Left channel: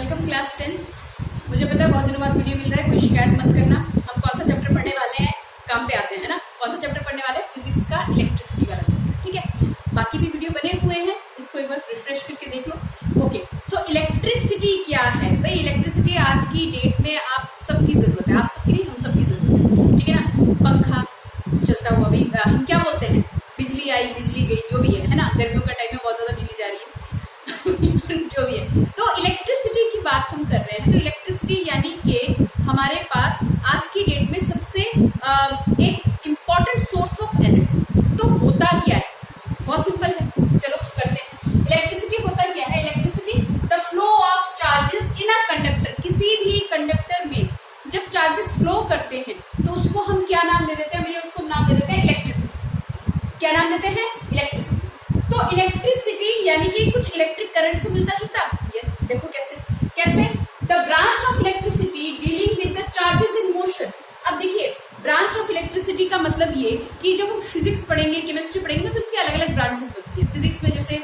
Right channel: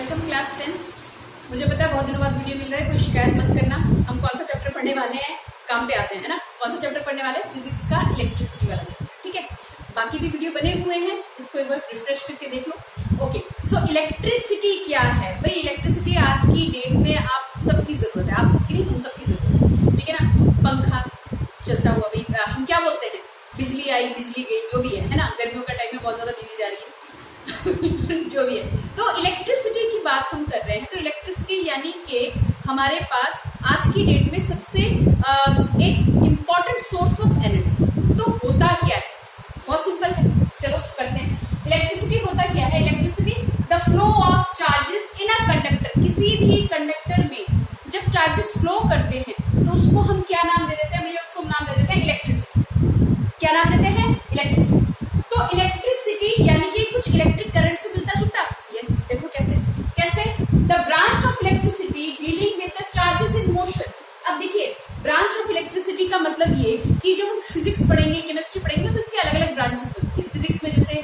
Welcome class 10। मुझे पता है बहुत दिनों बाद वीडियो मिल रहा है, कोई शिकायत मत करना। हम कौन सा चैप्टर पढ़ने वाले हैं, काम पे आते हैं, है ना। कौन सा चैप्टर पढ़ने वाले हैं? फिजिक्स का इलेक्ट्रिसिटी वाला चैप्टर, ठीक है। बाकी भी वीडियो बने हुए हैं, इसको एक बार रिफ्रेश करके देख लो। ओके, सो इलेक्ट्रिसिटी क्या है भाई? इलेक्ट्रिसिटी आज की डेट में आप सबकी जरूरत है, आप सबकी नहीं, हम सबकी जरूरत है, ठीक है ना। पंखा चलता हुआ भाई, हम क्या बोलते हैं, बिजली आई बिजली गई, जो भी है ना। गर्मियों का टाइम में बहुत ज्यादा बिजली जा रही है जो भी है। तो इलेक्ट्रिसिटी की बात हम कर रहे हैं, तो इलेक्ट्रिसिटी यानी कि हमारे पास आज की डेट में सबसे एक इम्पॉर्टेंट सोर्स ऑफ एनर्जी। तो होता क्या है? बहुत सिंपल है, चलो करते हैं। इलेक्ट्रिसिटी होता क्या है? Electricity the flow of charges in a conductor. किसी भी कंडक्टर में जब चार्जेस फ्लो करते हैं तो उसको हम क्या नाम दे देते हैं भैया? उसको नाम दे देते हैं इलेक्ट्रिसिटी। क्या नाम देते हैं? इलेक्ट्रिसिटी। तो इलेक्ट्रिसिटी यानी कि कुछ इलेक्ट्रिक करंट से मिलता जुलता। यस, देखो कैसे कैसे the branch of electricity dealing with the charges in motion. अब देखिए, ब्रांच ऑफ इलेक्ट्रिसिटी का मतलब ये कि जब हम फिजिक्स पढ़ेंगे, केमिस्ट्री पढ़ेंगे ना, तो इसकी अलग अलग ब्रांचेस बनती है। फिजिक्स में जैसे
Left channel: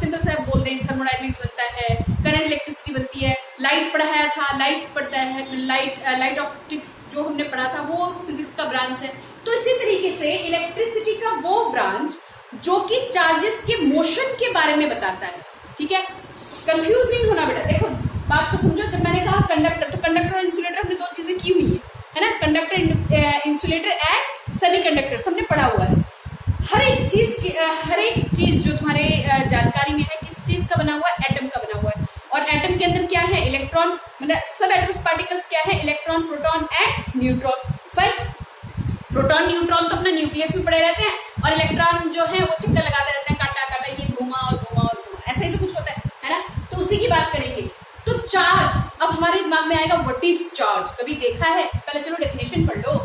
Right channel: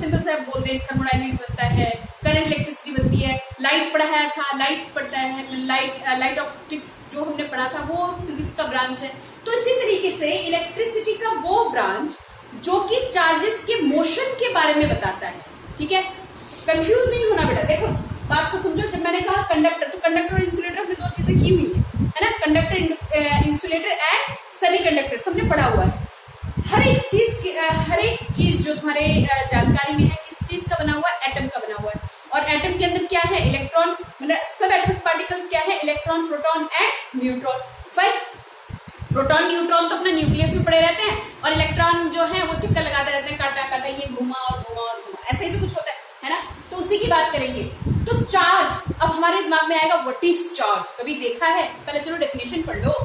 सिंपल सा बोल दें, थर्मोडायनेमिक्स बनता है, करंट इलेक्ट्रिसिटी बनती है, लाइट पढ़ाया था, लाइट पढ़ता है, लाइट ऑप्टिक्स जो हमने पढ़ा था वो फिजिक्स का ब्रांच है। तो इसी तरीके से इलेक्ट्रिसिटी का वो ब्रांच जो कि चार्जेस के मोशन के बारे में बताता है, ठीक है। कंफ्यूज नहीं होना बेटा, देखो बात को समझो। जब मैंने कहा कंडक्टर, तो कंडक्टर और इंसुलेटर हमने दो चीजें की हुई है ना। कंडक्टर, इंसुलेटर एंड सेमीकंडक्टर सबने पढ़ा हुआ है। हर एक चीज जो तुम्हारे जानकारी में है, किस चीज का बना हुआ है? एटम का बना हुआ है। और एटम के अंदर क्या है? इलेक्ट्रॉन, मतलब सब एटॉमिक पार्टिकल्स क्या है? Electron, proton and neutron. Fine. Proton neutron तो अपना न्यूक्लियस में पड़े रहते हैं, और इलेक्ट्रॉन जो है वो चक्कर लगाते रहते हैं, काटा काटा, ये घूमा और घूमा और घूमा, ऐसे ही तो कुछ होता है ना। तो उसी की बात करेंगे। तो चार्ज, अब हमारे दिमाग में आएगा व्हाट इज चार्ज? कभी देखा है? पहले चलो डेफिनेशन पढ़ लो।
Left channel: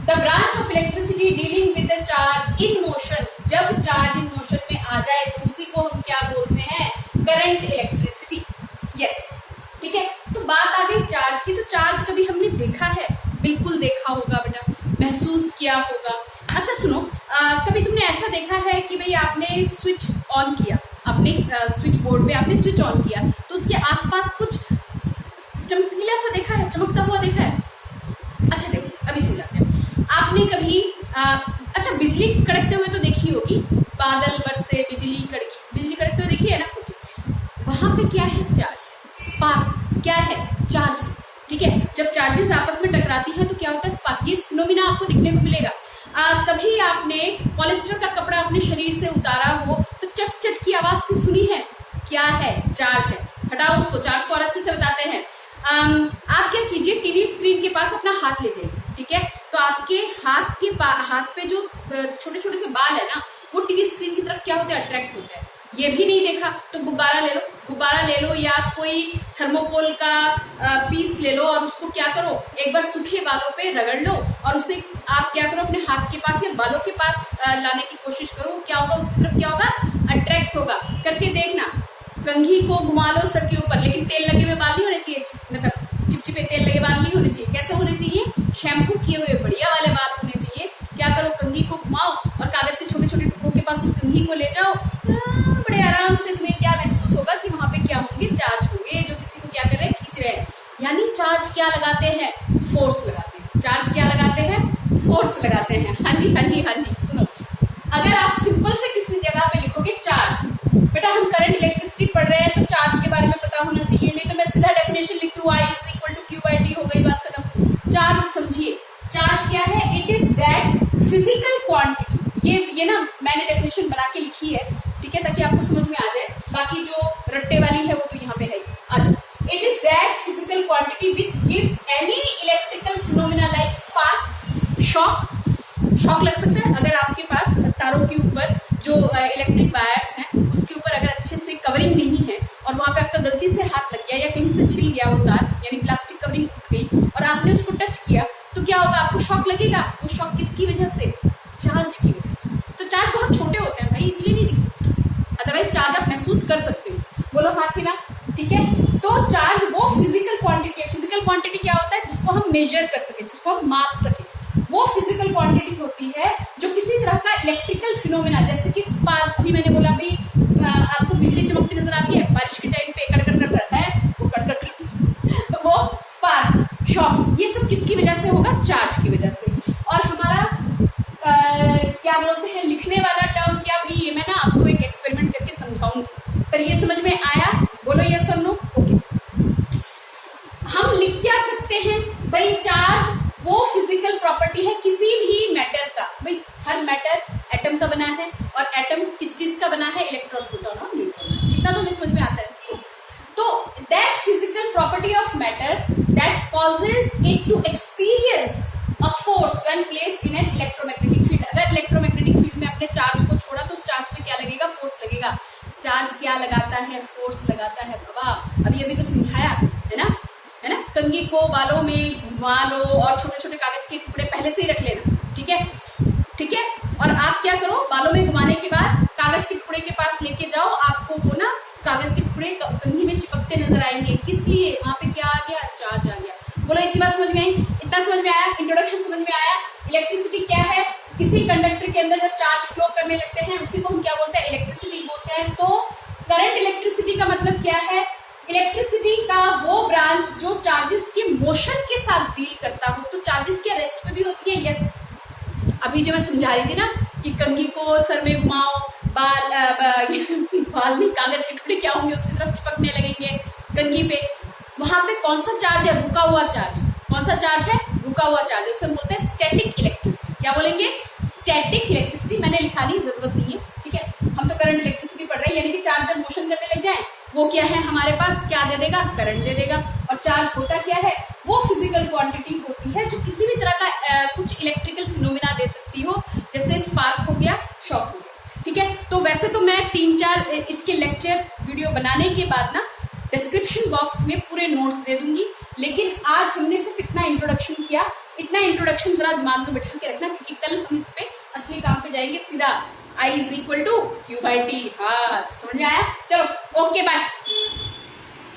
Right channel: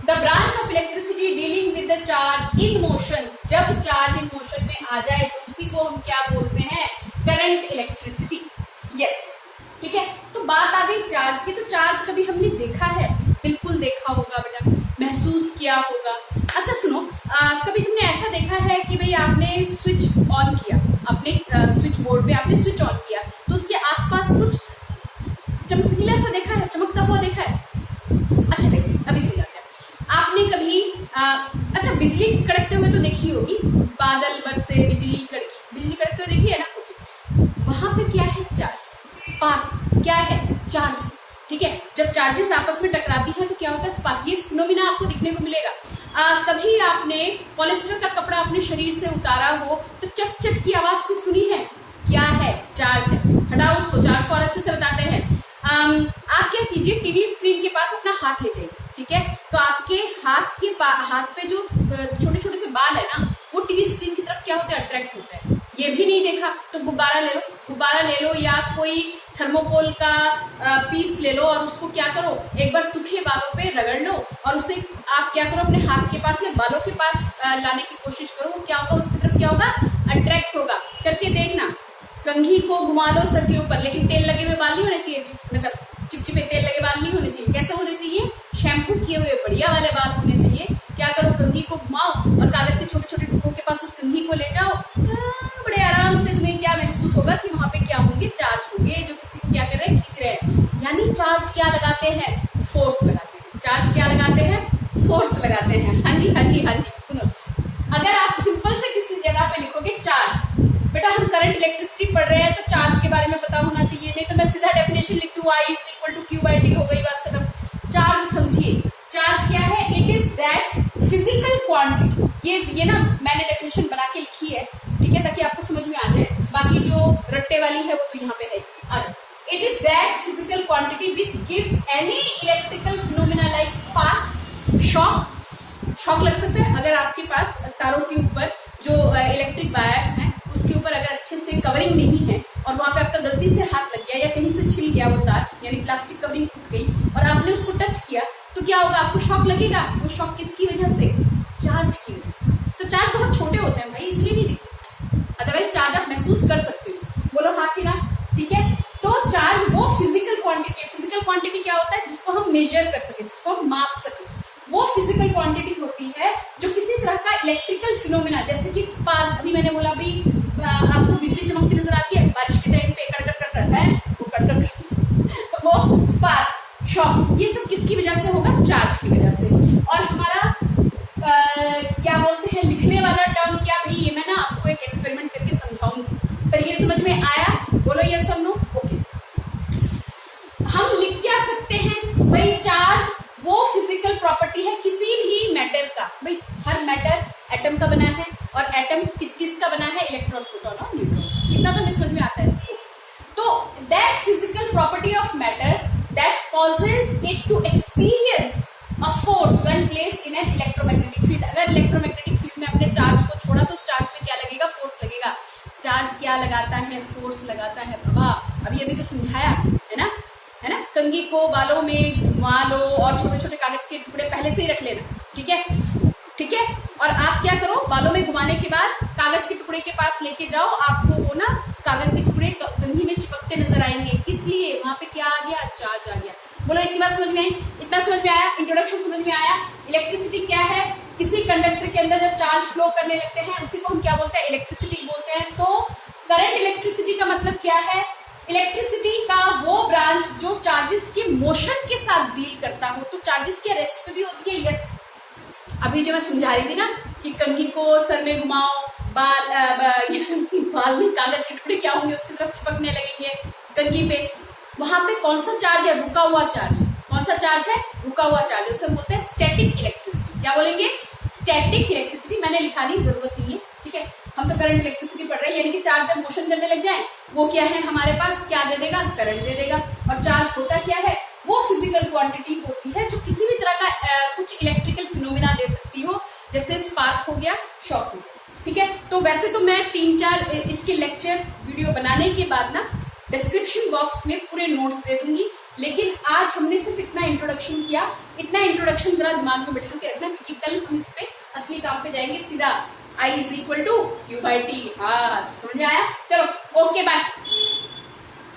The branch of electricity dealing with the charge in motion. जब चार्ज इन मोशन में आ जाए तो उसी को हम क्या बोलते हैं? Current electricity. यस, ठीक है। तो बात आ गई चार्ज की। तो चार्ज कभी हमने देखा है? बिल्कुल देखा होगा बेटा, महसूस किया होगा। अच्छा सुनो, कभी तुमने ऐसा देखा है कि भाई आपने स्विच ऑन किया, अपने स्विच बोर्ड पे आपने स्विच ऑन किया, तो उसके आसपास कुछ चमकीला सा देखा है, चमकता हुआ देखा है? अच्छा देखो, अभी समझाते हैं। आपने कभी अच्छा बिजली कड़कते हुए तो देखी होगी, बादल बरसे, बिजली कड़की, बिजली कड़कते हुए देखी है ना। वहां पे क्या है? Charge, spark. क्या है? चार्ज, ठीक है। जब चार्जेस आपस में टकराती हैं तो क्या होता है? स्पार्क। ये फिनोमिना आपको दिखने को मिलेगा। कभी आपने पॉलिस्टर का कपड़ा अपने शरीर से उतारा हो तो चट चट की आवाज से सुनी है? क्या है? चार्ज है। हटाओ उसको, चार्ज को और अच्छे से बताते हैं। आप क्या कीजिए, टीवी स्क्रीन के पास अपना हाथ ले जाइए, ठीक है। तो आपके हाथ पे जो छोटे छोटे से बाल है ना, वो टीवी स्क्रीन की तरफ क्या होते हैं? अट्रैक्ट होते हैं। ये भी नहीं देखा तो गुब्बारा ले लो, गुब्बारा ले लो, या कोई थर्मोकोल का पीस ले लो, और उसको क्या करो, एक बार सूखे बालों पे रगड़ लो, और उसे आप क्या करो, अपने हाथ के पास या बालों के पास लाने की कोशिश करो। क्या होगा? उसकी तरफ क्या होगा? अट्रैक्ट होगा। करके देखना। कंघी को घुमा लो सर के ऊपर, लेकिन तेल लगे हुए बाल नहीं होने चाहिए, मतलब चिपचिपे तेल लगे बाल नहीं होने चाहिए। कैसे होने चाहिए? शैम्पू किए हुए बढ़िया वाले बाल होने चाहिए। क्या करो, कंघी को घुमाओ और कागज के छोटे छोटे टुकड़ों के पास उस कंघी को ले जाओ। बड़े आराम से तुम्हें क्या महसूस होगा कि वहां पे क्या होंगे? चार्ज होंगे, जो किसी को क्या कर रहे हैं? खींच रहे हैं। यानी चार्ज क्या लगाते हैं? फोर्स लगाते हैं। चार्ज क्या लगाते हैं? फोर्स लगाते हैं। हाँ जी, हाँ जी, हाँ जी। सुनो, अगर आप सिंपल से किसी जगह पे लिखोगे चार्ज, बेटा हम करंट इलेक्ट्रिसिटी पढ़ रहे हैं तो चार्ज के बारे में पता होना चाहिए, नहीं तो मैं सीधा डेफिनेशन लिख दूं, I is equal to Q/T, हो गई बात खत्म। चार्ज समझिए, चार्ज क्या है? It is that physical quantity. ये ना मैंने डेफिनेशन बना के लिखी है, ठीक है, ताकि आपको समझ में आ जाए। बाकी जो रट्टे वाली है वो तो यहाँ पे है। आ जाओ। It is that physical quantity which gives any electrical phenomena like spark, shock. Shock लग सकता है अगर आपके पास तारों के ऊपर जो इलेक्ट्रिक वायर्स हैं उसके ऊपर अगर अच्छे से कवरिंग नहीं है, और वहां पे आपका गलती से हाथ लग गया या कहीं से छिल गया वो तार, यानी प्लास्टिक कवरिंग टूट गई और आपने उसको टच किया, तो क्या होगा? आपको शॉक लगेगा। वो शॉक किसकी वजह से? चार्ज की वजह से। तो चार्ज बहुत छोटे होते हैं भाई, इसलिए नहीं दिखते, अदरवाइज चार्ज आप महसूस कर सकते हो। बोलो हाँ कि ना, ठीक है। तो चार्ज वो फिजिकल क्वांटिटी है। फिजिकल क्वांटिटी क्या होता है? जिसको हम मेजर कर सके, जिसको हम माप सके, वो फिजिकल क्वांटिटी होती है जो किसी तरह का इलेक्ट्रिकल फिनोमिना, जैसे कि स्पार्क, अभी मैंने बोला, अभी आपको बिजली चमकती नजर आती है बारिश के टाइम पे, कड़कड़ करता है, वो कड़कड़ स्पार्क, शॉक, ये सब किसकी वजह से होगा? चार्ज की वजह से। और हमारा क्या बोलते हैं लिखने वाला टर्म क्या भाई, ये मैं ना आपको एक एक्सपेरिमेंट करके समझाऊंगी, पर ये समझ में आया? बोलो यस और नो। ओके, हम लिख क्या सकते हैं भाई? चार्ज वो फिजिकल प्रॉपर्टी है किसी भी मैटर का। भाई हर मैटर एटम का बना है, और एटम किस चीज का बना है? इलेक्ट्रॉन, प्रोटॉन और न्यूट्रॉन। इतना तो हमें समझ में आता है। तो that physical property of matter that causes it to experience a force when placed in an electromagnetic field. अगर इलेक्ट्रोमैग्नेटिक फील्ड में अपने चार्ज को छोड़ा तो उस चार्ज में क्या लगेगा? फोर्स लगेगा। चार्ज क्या लगाता है? फोर्स लगाता है बाबा। अभी तो समझाया है ना, है ना? कंघी को बालों में घुमा लो और छोटे छोटे कागज के टुकड़े पहले से ही रख लेना, ठीक है? ठीक है। और आप क्या करो, बालों में घुमाने के बाद कागज के टुकड़े के पास लेके जाओ, आपको वो ना कागज के टुकड़े कंघी में चिपकते नजर आएंगे। किस लिए? वहां पे क्या आ गया? चार्ज आ गया। बोलो इतनी बात समझ में आई? इतना समझ में आया? इंट्रोडक्शन समझ में आया? इलेक्ट्रिसिटी क्या है? किसी कंडक्टर के अंदर जब चार्ज फ्लो करने लगते हैं उसी को हम क्या बोलते हैं? इलेक्ट्रिसिटी बोलते हैं। तो करंट इलेक्ट्रिसिटी का मतलब क्या है? इलेक्ट्रिसिटी का वो ब्रांच जो चार्जेस के मोशन के साथ डील करता हो। तो चार्जेस के रेस्ट पे भी होती है। यस, अभी जो मैं समझा रही थी ना कि कंघी को सर में घुमाओ, बाल में कागज के टुकड़े क्या होंगे उसकी तरफ चिपकने लगेंगे कंघी पे। वहां पे कौन सा चार्ज है? रुका हुआ चार्ज। कौन सा चार्ज है? रुका हुआ चार्ज। उसे हम बोलते हैं स्टैटिक इलेक्ट्रिसिटी। क्या बोलेंगे? Static electricity. मैंने लिखा ली, जरूरत नहीं है, ठीक है? हम तो करंट इलेक्ट्रिसिटी पढ़ रहे हैं, यानी कि चार्ज जब मोशन करने लग जाए वो क्या है हमारे पास? क्या दे देगा? करंट दे देगा। और चार्ज होता क्या है? वो फिजिकल क्वांटिटी होती है जो किसी भी तरह का कुछ इलेक्ट्रिकल फिनोमिना दे सकती हो, जैसे स्पार्क हो गया, शॉक हो गया, ठीक है? तो वैसे तो मैं 3-4 इसके लेक्चर वीडियो बनाने के बाद ना डिस्क्रिप्शन बॉक्स में पूरे नोट्स दे दूंगी, लेकिन आज हमने सिर्फ इतना इंट्रोडक्शन किया। इतना इंट्रोडक्शन जरा दिमाग में बिठा के रखना, क्योंकि कल हम इस पे असली काम पे जाएंगे सीधा। I = Q/T। हाँ, समझ में आया? चलो ओके, बाय।